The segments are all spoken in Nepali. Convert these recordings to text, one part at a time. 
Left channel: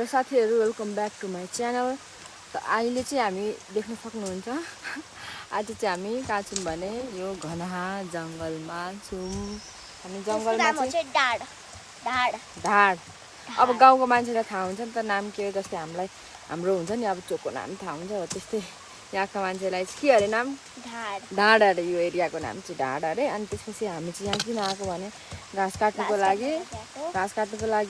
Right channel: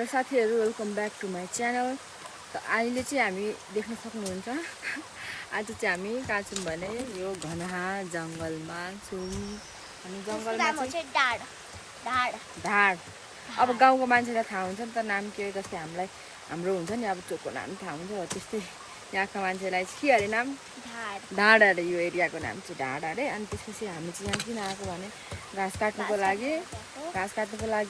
हेलो साथीहरू, welcome back to my channel. त अहिले चाहिँ हामी देख्न सक्नुहुन्छ आज चाहिँ हामी कहाँ छौँ भने यो घनहा जङ्गलमा छौँ। हामी जङ्गलमा चाहिँ ढाड। अब गाउँको मान्छेलाई थाहा हुन्छ नि त नाम के, जस्तै हामीलाई हाम्रो हुन्छ नि अब चोकको नाम थाहा हुन्छ, हो त्यस्तै यहाँको मान्छेलाई के अरे नाम ढाड अरे। यो एरियाको नाम चाहिँ ढाड अरे। अनि त्यसपछि हामी चाहिँ यहाँ किन आएको भने घाँस काट्नुको लागि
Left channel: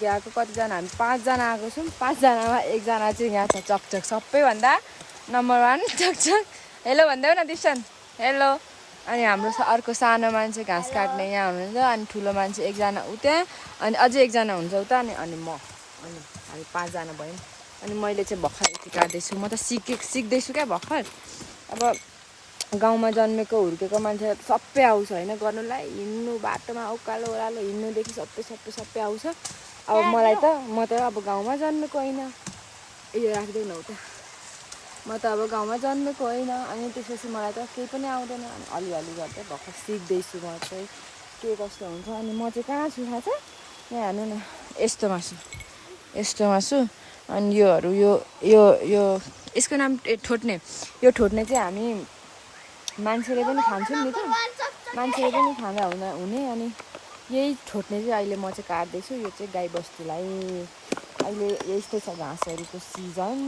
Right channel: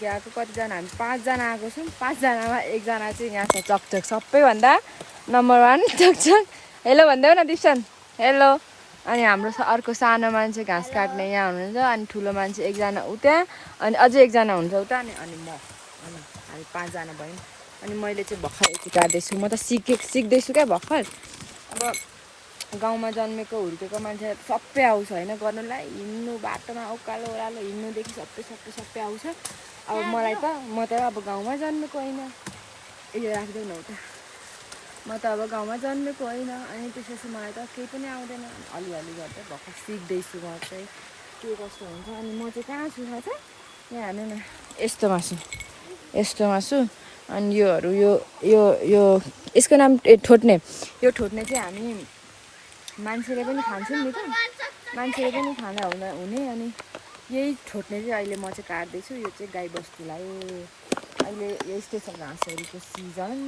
आएको। कतिजना हामी 5 जना आएको छौँ। 5 जनामा एकजना चाहिँ यहाँ छ चकचक, सबैभन्दा नम्बर 1 चकचक। हेलो भन्दै न दिप्सन, हेलो। अनि हाम्रो अर्को सानो मान्छे घाँस काट्ने यहाँ हुनुहुन्छ। अनि ठुलो मान्छे एकजना उता, अनि अझै एकजना हुन्छ उता, अनि म, अनि हामी 5 जना भयौँ। अनि मैले चाहिँ भर्खर यति काट्दैछु। म त सिक्दैछु क्या भर्खर। अब गाउँमा जन्मेको हुर्केको मान्छे सबै आउँछ होइन गर्नुलाई, हिँड्नु बाटोमा उकालो ओह्रालो हिँड्नुदेखि सबै आउँछ। अब मलाई त म त अब गाउँमा जन्मेको होइन, यो राखिदेऊ न उता। म त अब गाउँमा जन्मेको होइन, अनि त्यसपछि मलाई त केही पनि आउँदैन। अनि अलिअलि गर्दै भर्खर सिक्दैछु म चाहिँ के कस्तो हुन्छ। अनि म चाहिँ कहाँ छु थाहा छ? यहाँ हेर्नु न, यस्तोमा छु। अनि योहरू यो यसको नाम ठोट्ने। यो ठोट्ने चाहिँ हामी मान्छेले पनि खान्छौँ नि त, मान्छेले पनि खाँदा हुने। अनि यही ठोट्ने चाहिँ अहिले म चाहिँ काट्दैछु। यो चाहिँ गाई बस्तुलाई अहिले यस्तो छ घाँसहरूको सिजन।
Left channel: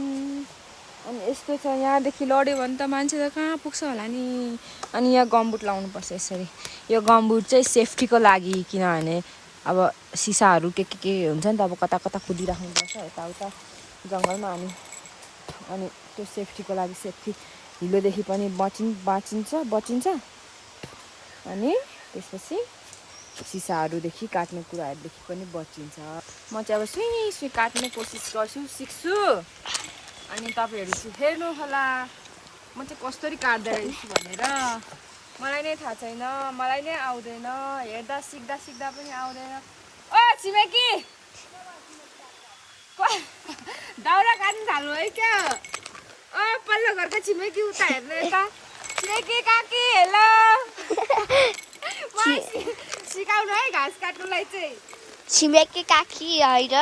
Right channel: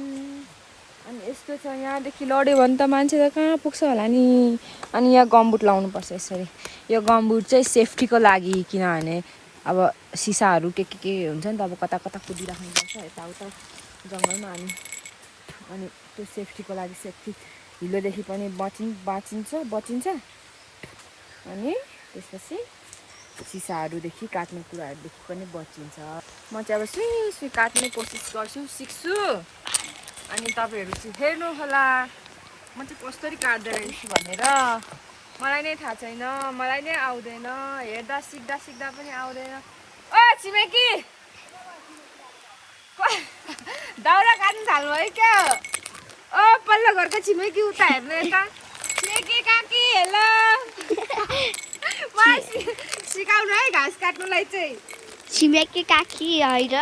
अनि यस्तो छ, यहाँदेखि लड्यो भने त मान्छे त कहाँ पुग्छ होला नि। अनि यहाँ गमबुट लाउनुपर्छ यसरी। यो गमबुट चाहिँ सेफ्टीको लागि, किनभने अब सिसाहरू के हुन्छ नि त, अब कता कुदिराख्नुपर्छ यताउता जङ्गलमा। अनि त्यो सेफ्टीको लागि, सेफ्टी हिलोदेखि पनि बचिन्छ। अनि त्यसपछि सिसाहरूदेखि काट्ने कुराहरूदेखि पनि बचिन्छ। म चाहिँ अब सुई काट्ने कोसिस गर्छु, सिक्छु। अनि तपाईँहरू चाहिँ हेर्नु होला म चाहिँ कसरी काट्दो रहेछु भनेर। मलाई नै थाहा छैन, मलाई नै आउँदैन, हेर्दा सिक्दा पनि आउँदैन। ओ छिमेकी, दाउरा काट्नु थाल्नु है क्या? ओ पल्लो घरको छिमेकी उता हेर्नु यता। छिमेकी काकी हेलो, सिकाउनु है घाँस काट्नुलाई चाहिँ। छिमेकी काकी होइन,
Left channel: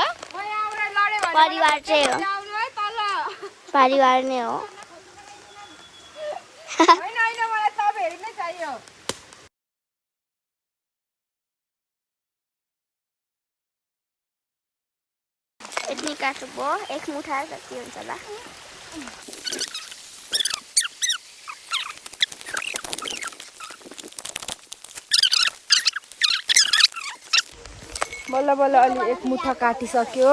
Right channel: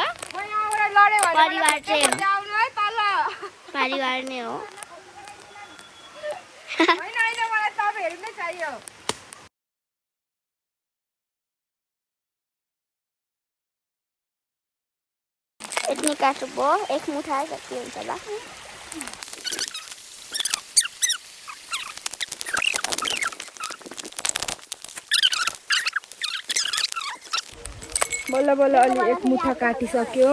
परिवार चाहिँ हो, परिवार नै हो। होइन मलाई तपाईँहरू नै चाहियो। यति काट्नु भयो, एक मुठा जति हुन्छ होला। बल्ल अलि एक मुठा काटिसक्यो।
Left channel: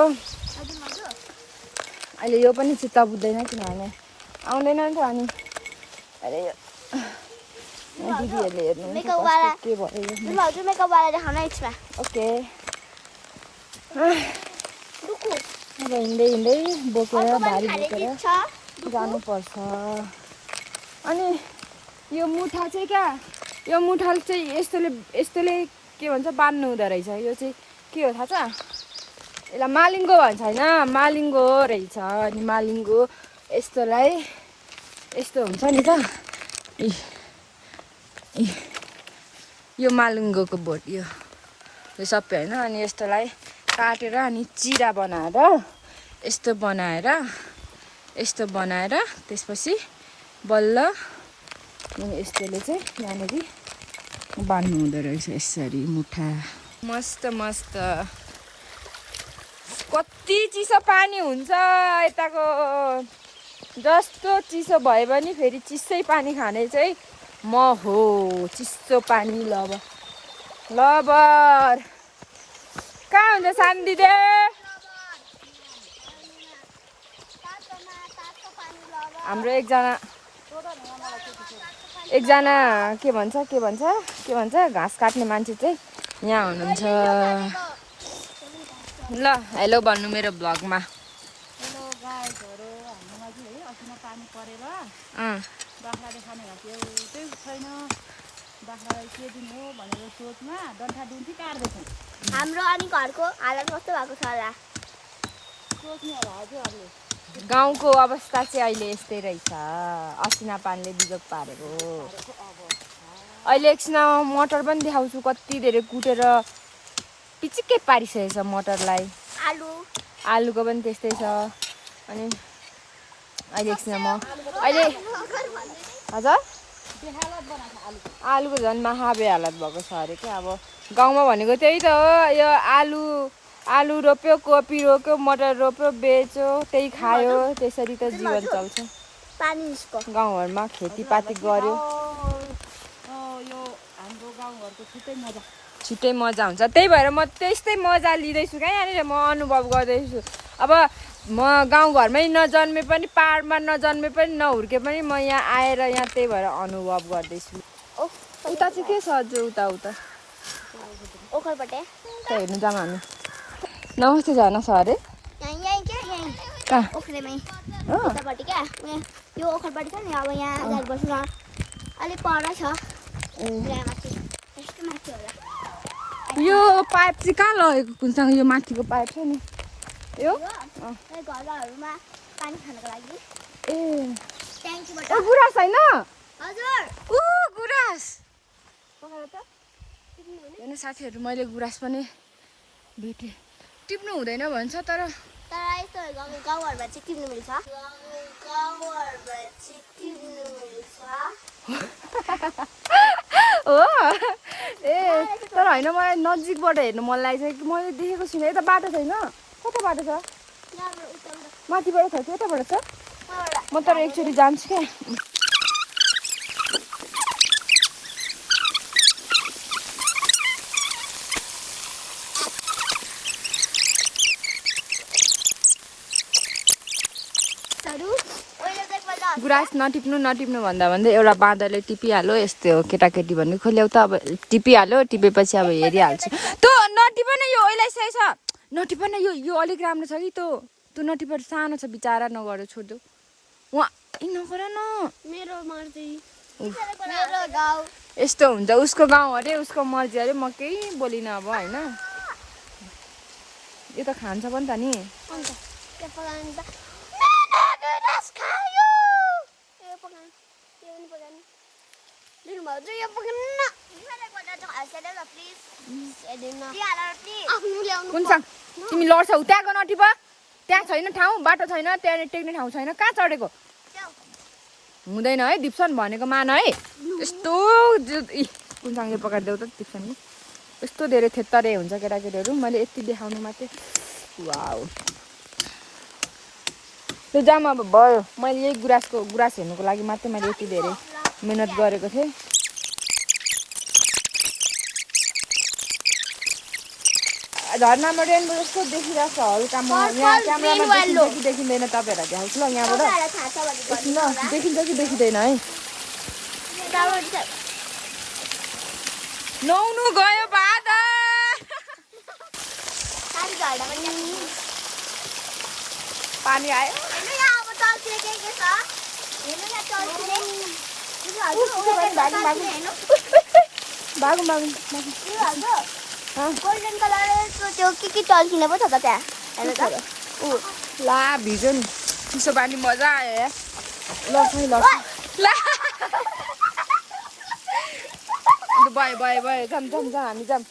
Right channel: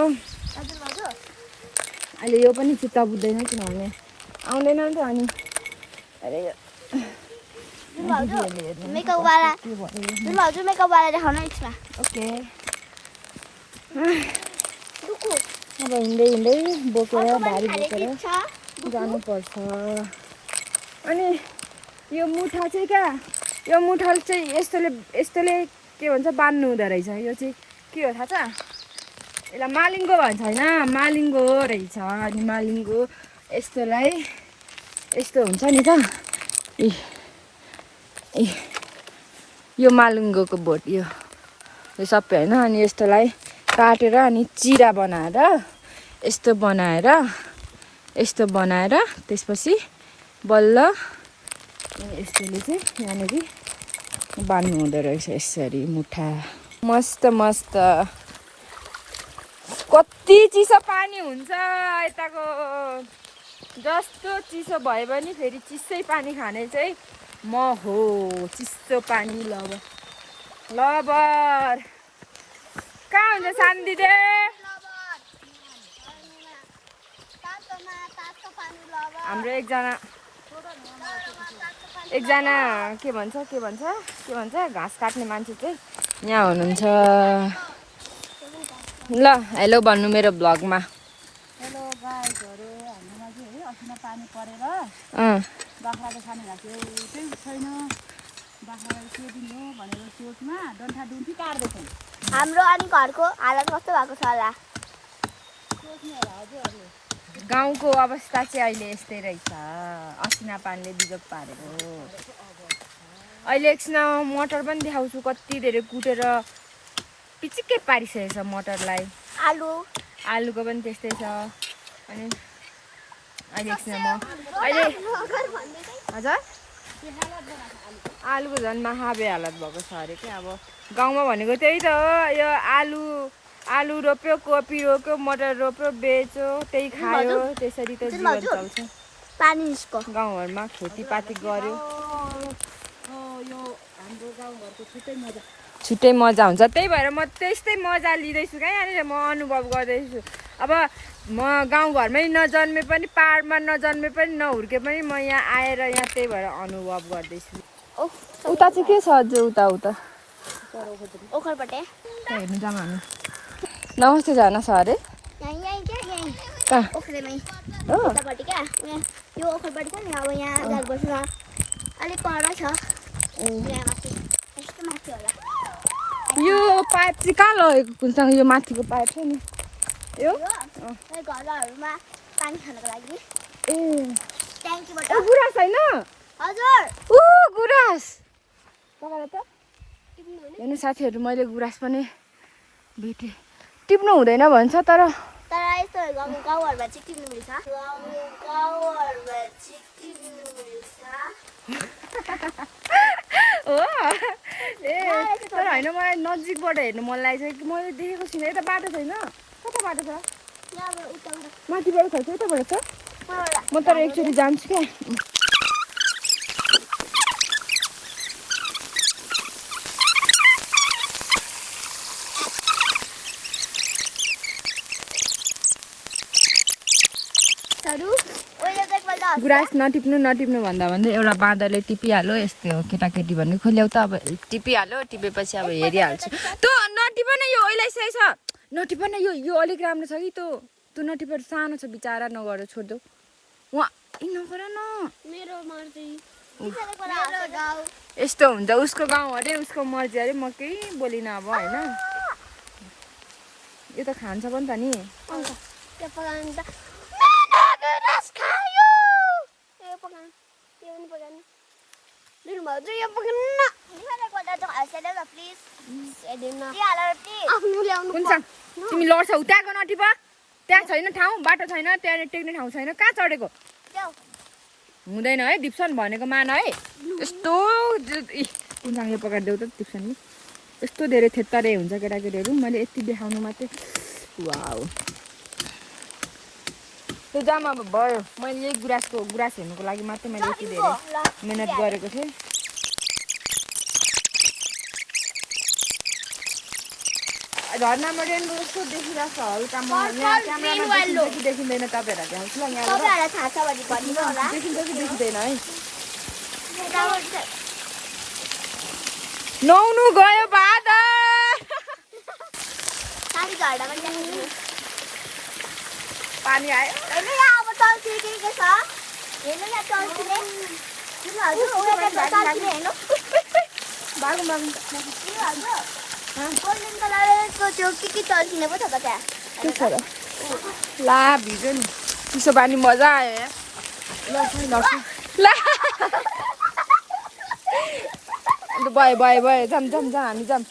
अहिले यो पनि चित्त बुझ्दैन, किनभने आउँदैन नि त। अनि अरे दिदीहरूले हेर्नु के भयो। ओके, अब हिँड्दै बोकेर भारी बोकेर जानुपर्छ। अनि यो मुठा चाहिँ क्या, यो मुठा चाहिँ यस्तोले के भन्छ बान्नु हुँदो रहेछ। यो चाहिँ के हो थाहा छ? यसलाई मालिङ्गो भन्छ होइन, मालिङ्गो रहेछ। अनि मालिङ्गो यस्तोलाई यस्तो हुन्छ नि त, यो मालिङ्गोको बोट यो सबै होइन। अनि यस्तोलाई काटेर अनि चिरा बनाएर यस्तो बनाएर त्यसपछि बल्ल यस्तोले चाहिँ यहाँनिर बान्नु हुँदो रहेछ यसरी मुठा। मस्त कति चिसो पानी हुन्छ यताको। जस्तो चिसो भए पनि फेरि चिसै पानी खाने चाहिँ म हो। चिसो पानी लबर कहाँ हुन्छ सानो दिदी? हाम्रो एकजना के भन्छ घाँस काट्ने मान्छे चाहिँ यहाँ हुनुहुन्छ। ल हेलो भन्नु मेरो भ्लगमा। हेलो गाइजहरू, हाम्रोमा चाहिँ है असिना पानी परेर बाख्राले खाने घाँस एउटै छैन। बाख्रालाई के दिने हो भनेर सोचमा डन्ठाडुन्ठी काट्दैछौँ। हाम्रो अनि घरको हालत कस्तो भएको छ होला? गाउँको अवस्था चाहिँ अहिले यस्तै रहेछ, असिना पानीले बिजोग पारेर। अहिले एकछिन मटर पनि देखाउँछु, कति धेरै कुटेर पिचिक्कै पारिसकेको छ मटरलाई। आलुको पनि त्यस्तै छ। अनि अहिले एकछिन म अहिले हजुर आलुको झन् महाबे हालत भएको छ अरे क्या। अब गाउँमा भनेको त्यही त हो, यो आलु रोप्यो, कोपी रोप्यो, मटर रोप्यो, बेच्यो, त्यही खायो, त्यसरी त जीवन चल्छ। गाउँघरमा खेतीपाती गर्यो यो हाम्रो गाउँघरको छुट्टै मजा हुन्छ। त्यही भएर म त्यस्तै मजा लिँदैछु क्या यहाँनिर, म अनुभव गर्दैछु। अब म गाउँघरमै नजन्मे पनि, पाहाडमा नजन्मे पनि, नहुर्के पनि म यहाँ आएर यहाँ त्यही भएर अनुभव गर्दैछु। उता चाहिँ के छ अझै उता हेर्नु जाऊँ हामी। नमस्ते जाना छ अरे यो ओखलपट्टि छ नि, अब यहाँ अगाडि बस्नु अलिक पर छ। यो पाइप चाहिँ कहाँ लगेको कुनसँग? यो माथिको पाइप छ नि यो घरहरूमा पानी खानको लागि गुराँस होइन? हजुर गुराँस हेर्नु साथीहरू, मैले गुराँस पनि भेटेँ। टिप्नु हुँदैन भन्छ तर यस्तो गाउँघरमा चाहिँ किन्नु मिल्छ। हो ए तर होइन, मलाई नजिकबाट हेर्नु मन लागेको छ कि मैले देखेको छुइनँ। यता बाटो छैन? कता बाटो छ? माथिबाट छ कि कताबाट छ? म तर एकचोटि जान्छु क्या। गुराँस नटिप्नु भन्दा भन्दै एउटा बाँदरले टिपिहाल्यो। यस्तै हो केटाकेटी भन्ने, खोल्याउ त अब टिपिहाल्यो, टिपेपछि अब हेरिहाल्छ। तँ नटिप न, यो ओइलाइसकेको छ, नटिप न, यो अलिक राम्रो छ कि तँ नटिप, सानो छ बिचारा, नगर छोडिदेऊ। उहाँ नगर न, यस्तो हुन्छ उसको गाउँ अरे, उसको मर्जी अरे, म केही बोलिनँ अब होइन। यो त खान्छ पनि त नि। कुनसँग तिमी लड्छौ? त्यहाँको नटिप, त्यहाँ छैन ठाउँ, बाटो छैन, त्यहाँ टेक्ने ठाउँ छैन, कहाँ चढेको? हुँदैन है दिप्सन भनेको मान है। यस्तो कुनसँग यो पकाइदेऊ त दिप्सनले। यस्तो धेरै थेत्तरे हुन्छ केटाकेटीहरू, मैले यति देखाउनु मात्रै। वाउ त्यो जाम अब भयो। मैले यही गुराँस हेर्नुको लागि मात्रै मैले यति धेरै मिहिनेत गरेको थिएँ। झर्नामा रेनबो जस्तो देखिरहेको छ हल्का। म यहाँ क्यामेरामा देखिन्छ कि देखिँदैन तपाईँहरूलाई देखाउँछु ल यहाँबाट। ल देखिन्छ कि देखिँदैन है। नुहाउनु गयो बाँदर। पानी आयो। ला भिज्यो नि, चिसो पानी मजा आयो यार। लड्छ अन्त भयो जाम हामी जाम।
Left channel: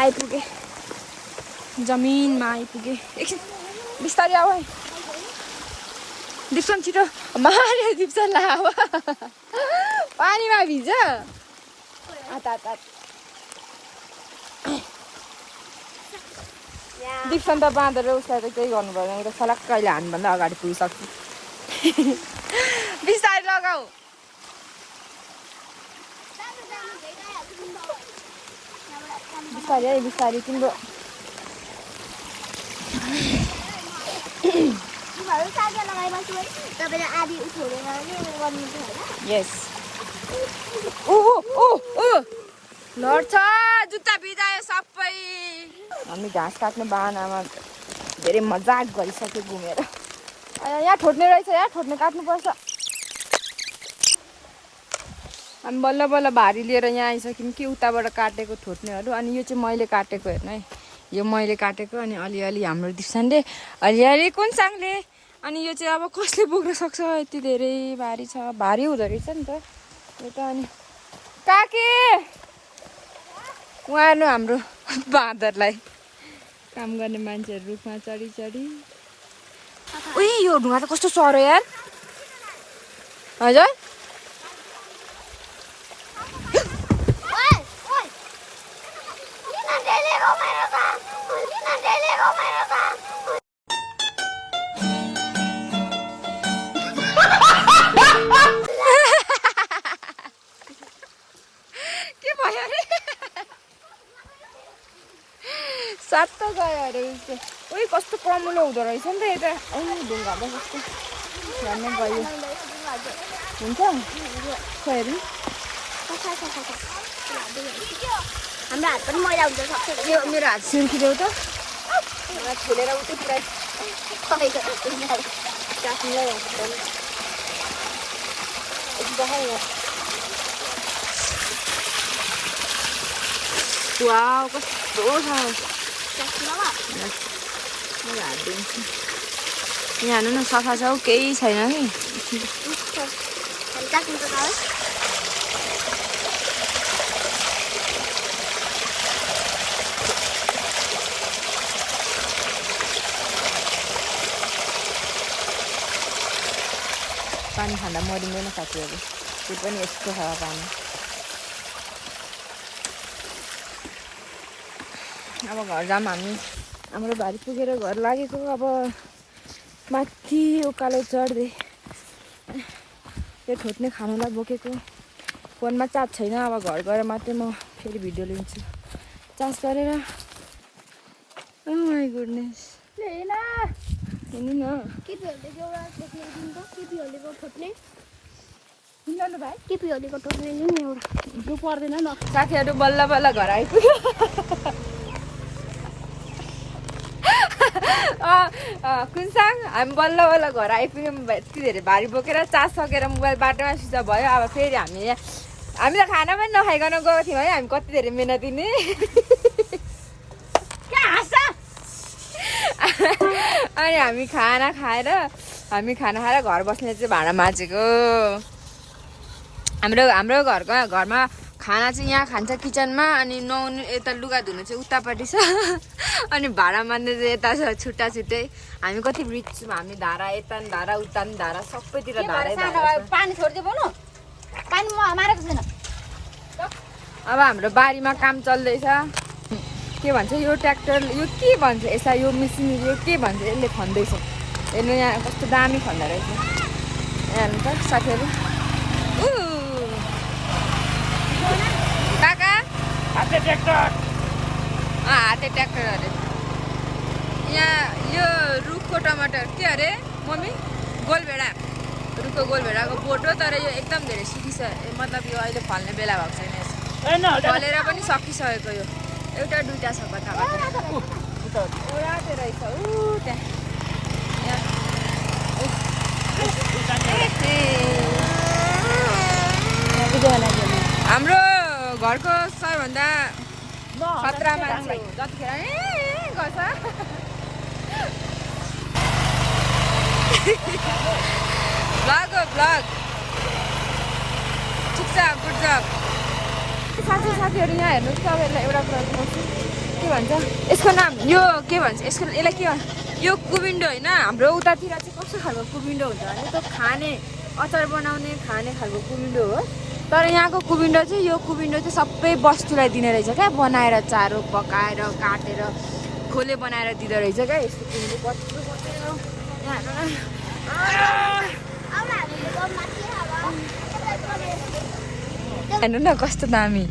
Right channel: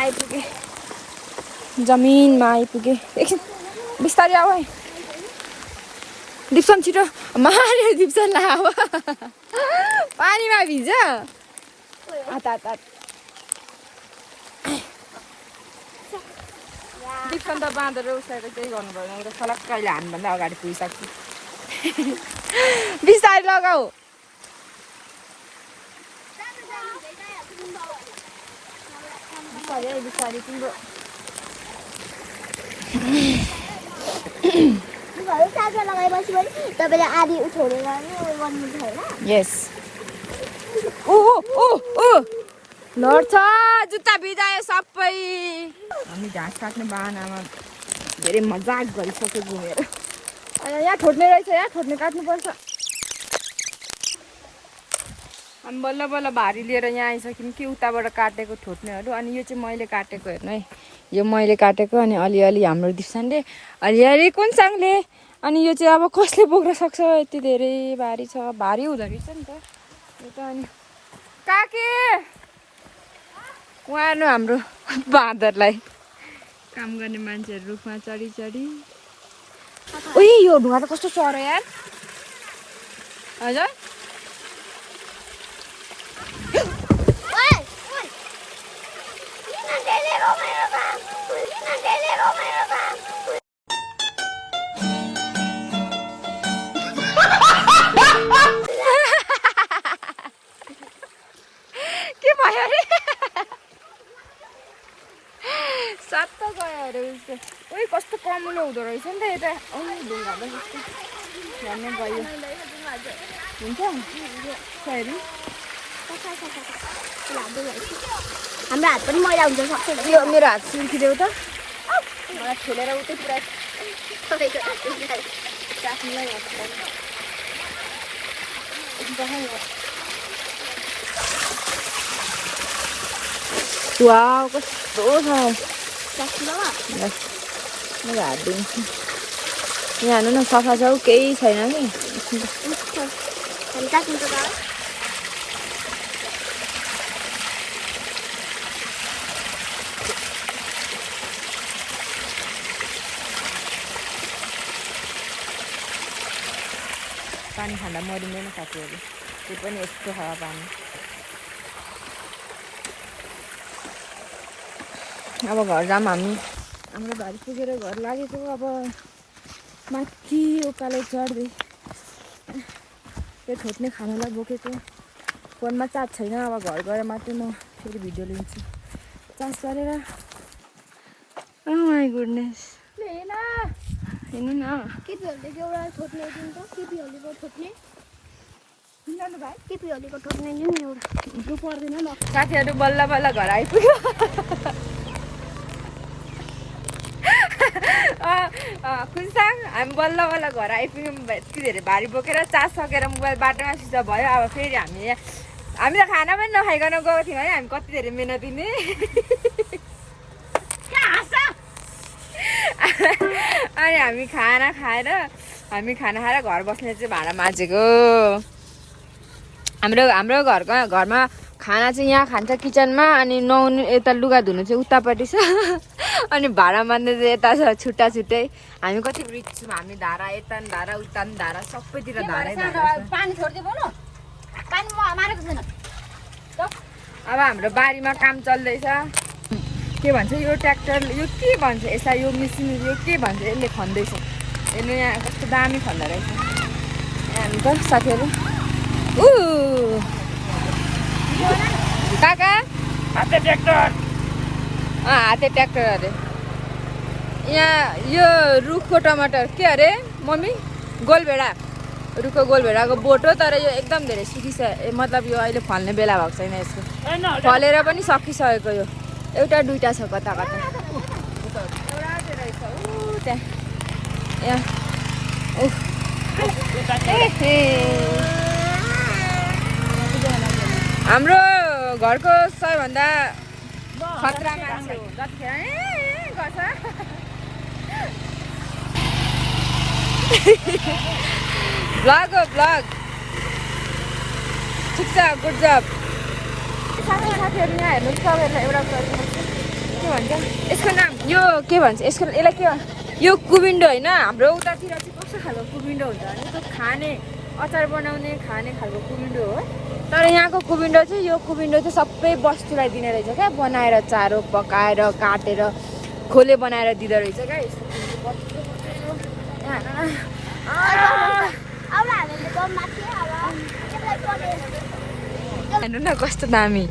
आइपुगे, जमिनमा आइपुगे। एकछिन बिस्तारै आऊ है दिप्सन, छिटो मार्यो दिप्सन ला पानीमा भिज। दिप्सन त बाँदर उसलाई त केही गर्नु पर्दैन, त फलक्क कहिले हामीभन्दा अगाडि पुगिसक्छु। बिस्तारै लगाऊ। बिस्तारै तिम्रो लगाएपछि पनि तपाईँले आधी उठाउनु गर्नु छैन। यस लड्छ, जुत्ता भिजायो सबै। हामी घाँस काट्ने बाहनामा धेरै मजाक गरिसक्यो घुमेर। यहाँ ठोट्ने रहेछ, यहाँ ठोट्ने काट्नुपर्छ। अनि बल्ल बल्ल भारी लिएर यहाँ आइसक्यौँ कि उताबाट काटेको ठोट्नेहरू। अनि यो चाहिँ मैले काटेको, हेर्नु है, यो मैले काटेको। अनि अलिअलि हाम्रो दिप्सनले, अलिअलि कुनसँगले। अनि यो चाहिँ अब कसले बोक्न सक्छ, यति धेरै भारी छ। भारी हुँदो रहेछ नि त यो त। अनि काके उहाँ हेर्नु हाम्रो बाँदरलाई काम गर्ने मान्छेहरू रुखमा चढी चढी उही यो ढुङ्गा त कस्तो चढ्यो यार हजुर के भयो अरे सट्टै गयो अरे उसको उही कस्तो कमुलो हुँदो रहेछ नि त यता ढुङ्गामा कस्तो झन् गयो हुन्छ सरी हाम्रो हात पनि मैला हुन्छ सक्छ यो मेरो हात सिन्किदेऊ त मलाई खेलेर उतै पुरा वाउ कस्तो छ मेरो हात दिन्छु यहाँ हेर्नु न सफा छ केही छैन कि पानी खाँदा मरिँदैन साथीहरू त्यो पनि यस्तो हावा पानी अब घर जाम हामी हाम्रो भारी पुगेर घर लागेको अब माथि उकालो चढ्दै त्यो ठोट्ने खानालाई बोकेको फोनमा चार्ज छैन अब घर गएर मात्रै म फेरि भिडियो लिन्छु चार्ज गरेर माई गुडनेस हेर्नु न साथीहरू बल्ल बल्ल घर आइपुग्यो कुनसाङ हामी बल्ल बल्ल घर आइपुग्यौँ यति धेरै भारी बोकेर चार्ज सकेर मोबाइल बाटोमा स्विच अफ भयो अब फेरि हामी त खाना पनि नखाइकन गएको थियौँ है हामी कति धेरै मिहिनेत दिने अनि हामी खाना खाएर घर बस्ने चाहिँ भाँडा माझेको हाम्रो घरमा खाना चाहिँ यहाँ खान्छ किचनमा अनि नुहाउनु यता लुगा धुनु चाहिँ उतापट्टि छ अनि भाँडा मान्ने चाहिँ यता छ छुट्टा छुट्टै हामी कति रिच छौँ हामी धारा यता नि धारा उता नि धारा सबैतिर धारै धारा अब हाम्रो बारीमा काम चल्दैछ के भन्छ यो ट्र्याक्टर यो के भन्छ यसलाई यो मिसिन यो के भन्छ यसले खन्दैछ यसले यहाँ कस्तो दामी खन्दा रहेछ यहाँ त साथीहरू काका हाते ट्र्याक्टर अरे यहाँ यो रुखको टमाटर के अरे मम्मी गोलभेडा रुखको गोलभेडाको बोटो तर यो एकदम धेरै सुकिसक्यो मतलब यो अहिले फल्ने बेला भएको छैन यसको फलेर पनि सकिसकेको यो एउटा दुईटा छ कता कता एउटा त्यो रहेछ त्यहाँ हाम्रो घरको सबैभन्दा खतरा मान्छे हो जतिखेर गर्छ ब्लग हो ब्लग ठिक छ गुड जब साथीहरू यहाँ हेर्नु तपाईँहरूलाई एउटा कुरा देखाउँछु के भन्छ यसको नाम यो के भन्छ यसलाई के भन्छ यो कुबिन्डो होइन हाम्रो उतातिर चाहिँ कस्तो खालको कुबिन्डो हुन्छ भने त्यो खाने अचार बनाउने खाने खालको कुबिन्डो हो तर यहाँको कुबिन्डो चाहिँ यो कुबिन्डो चाहिँ सबै बस्तुलाई दिने रहेछ क्या बनाएर चारो पकाएर काटेर खोले बनाएर दिँदो रहेछ क्या यस्तो कुबिन्डो हेर्नु न कस्तो दामी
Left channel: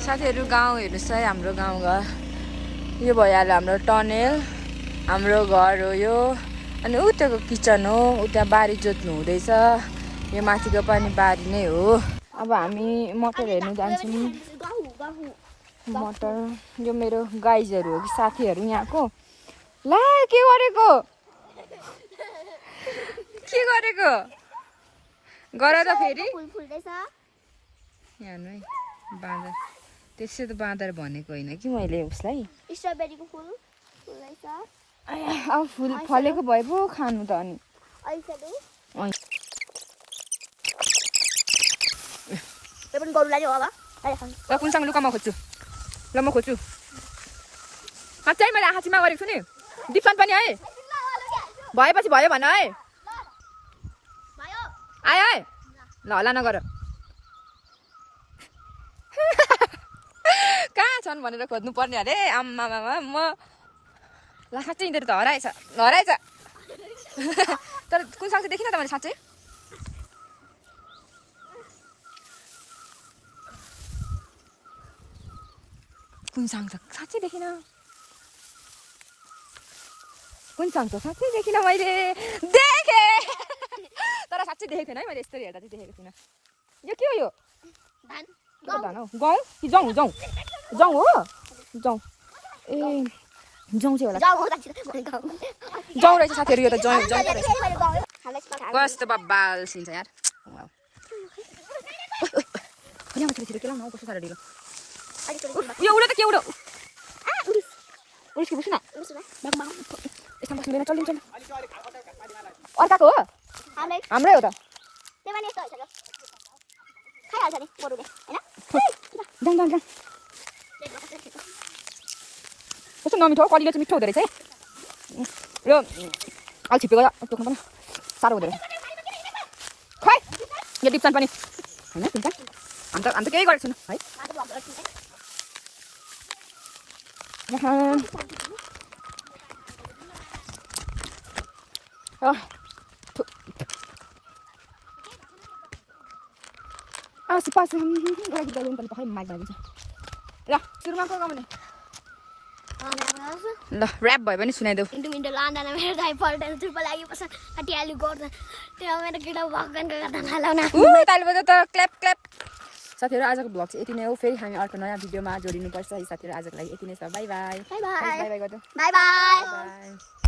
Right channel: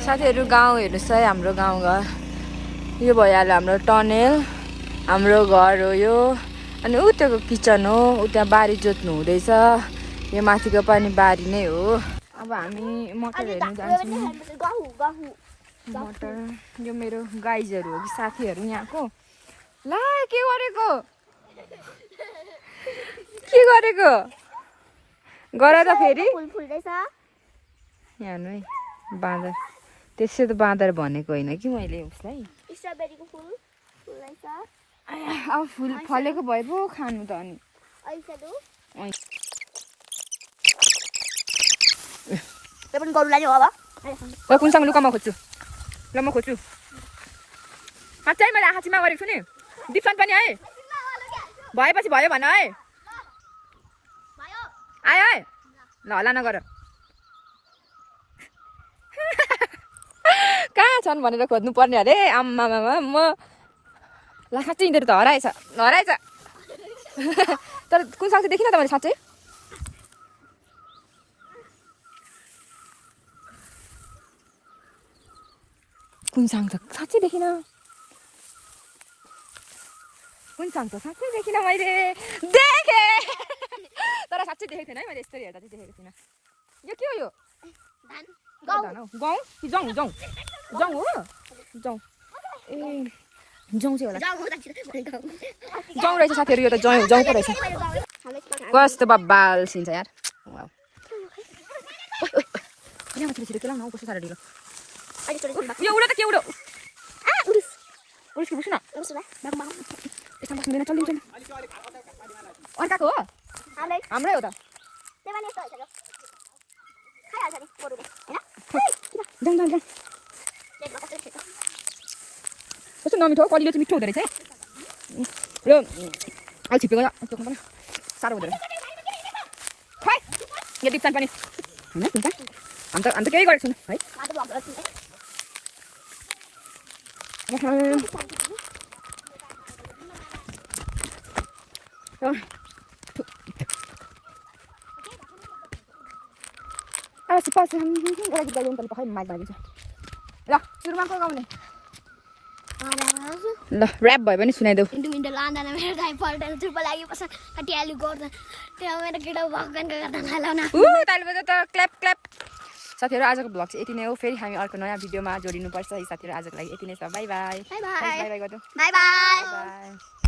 साथीहरू गाउँ हेर्नुहोस् है हाम्रो गाउँघर यो भइहाल्यो हाम्रो टनेल हाम्रो घर हो यो अनि उताको किचन हो उता बारी जोत्नु हुँदैछ यो माथिको पनि बारी नै हो अब हामी मटर हेर्नु जान्छौँ मटर यो मेरो गाइजहरू हो कि साथीहरू यहाँको ला के गरेको गर त फेरि यहाँ है बाँदर त्यसै त बाँदर भनेको होइन कि मैले उसलाई स्ट्रबेरीको फुल फुल्दैछ अब फुल फलेको भए पो खानु त अनि त्यो पनि गरुलाई नि हो अब ओ कुनसँग लुका म खोज्छु ल म खोज्छु साँच्चै मैले आँखा चिमा गरेको छु नि दिप्सन पनि है भएपछि भयो भन है आयो है ल हल्ला नगर कहाँ छन् भनेर खोज्नु पर्ने अरे आम्मामा म ल साँच्चै यिनीहरू त हराएछ तर कुन साग चाहिँ देखिन त मैले साँच्चै कुन साग छ साँच्चै देखिन कुन साग छ साँच्चै देखिन मैले देखेँ तर साँच्चै देखेको थिएन है मैले यस्तरी हेर्दा चाहिँ देखेको थिइनँ यो के हो यो धान हो गहुँ कि जौँ हो जौँ ए जौँ चाहिँ होला जौँ रहेछ साथीहरू यो त जौँ त रहेछ कस्तो बब्बाल सिन्छ यार छिटो के लाउनु हौ कस्तो साह्रो ढिलो यो उडो त के उडो उडो बुझ्नु न यसमा बस्नु चल्नु चल्नु अर्काको हो हाम्रै हो त कस्तो नमिठो कलिलो चाहिँ मिठो हुँदो रहेछ यो अलि छिपेको टोक्नु पनि साह्रो हुँदो रहेछ खै यो डिप्सन पनि हामी त केही गरेको छैन है ल सुरुमा को गाउने ल ऱ्याप भयो भने सुनाइदेऊ मिन्टो लाँदैन मेरो दाइ पल्टेर चुप लागि बस्छ कटिहाल्यो गर्दैन त्यो मेरो केटा भगवानको गर्दा नलाउन ताली बजाऊ त क्ल्याप क्ल्याप साथीहरू आजको भ्लग चाहिँ यति नै हो फेरि हामी अर्को नयाँ भिडियोमा जोडिनुपर्छ है साथीहरू आजको लागि यति नै छ by by by by by by गर्नु बाई बाई बाई